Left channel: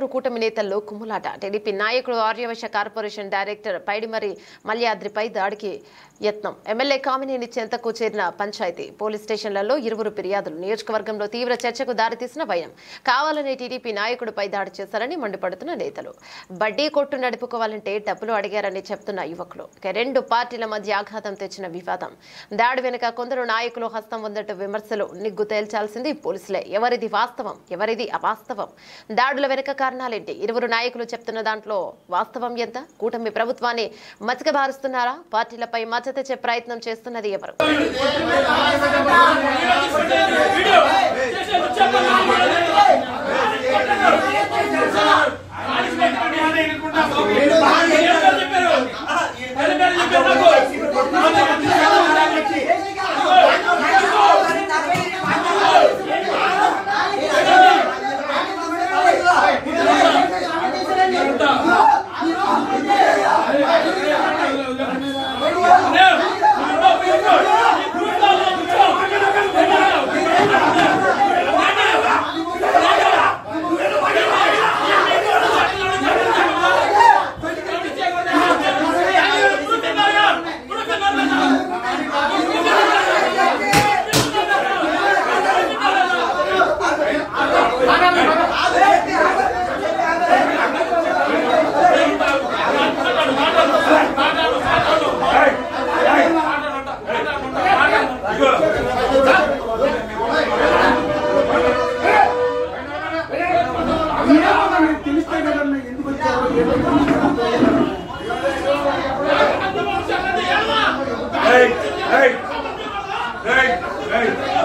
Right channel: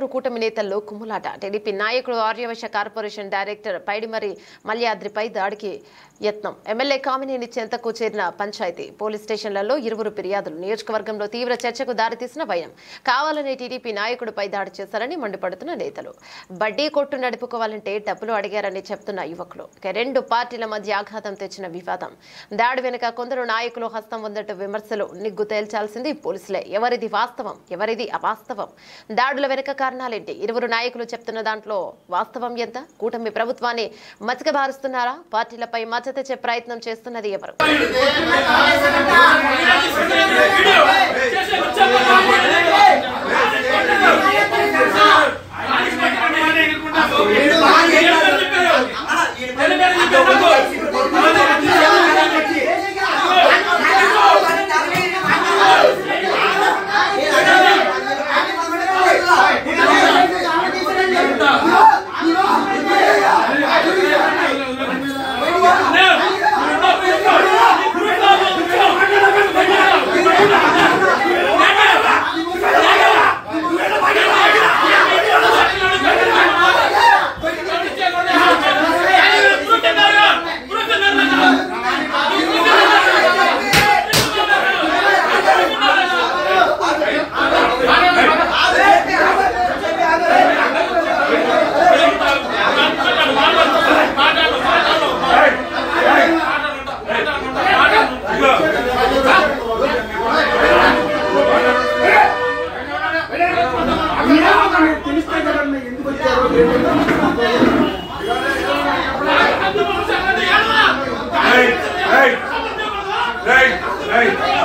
నెల్లూరు కూటమి నేతల్లో కుమ్ములాట. టీడీపీ నాయకుడు ఆర్యవైశ్య కార్పొరేషన్ డైరెక్టర్ పైడిమరి మల్యాద్రిపై దాడికి యత్నం. ఎమ్మెల్యే కామినేని చెంతకు చేరిన పంచాయతీ పోలీస్ స్టేషన్లలో ఇరువురు ఫిర్యాదులు. నియోజకవర్గంలో తీవ్ర చర్చకు దారితీసిన భయం. కావాలనే టీడీపీ నాయకుడిపై దాడి చేశారని మండిపడుతున్న నేతలు. బడ్డీ కొట్టు నడుపుకోవాలంటే డబ్బులు అడిగారని చెప్తున్న యువకులు. రెండు పార్టీల మధ్య ఆఘాతం తెచ్చిన వివాదం. దాడి వెనుక కొందరు నాయకులు హస్తం ఉందట విమర్శలు. నిగ్గు తేల్చాల్సింది పోలీసులే. ఎవరిది వాస్తవం, ఎవరిది అవాస్తవం? దాడుల వెనుక కారణాలేంటి? ఇరువురు నాయకులు చెప్తున్న దాంట్లో వాస్తవం ఎంత? కూటమి ప్రభుత్వాన్ని మచ్చకబారుస్తున్నారా? పార్టీలపై మచ్చ తెచ్చే ప్రయత్నం చేస్తున్నది ఎవరు? Hey!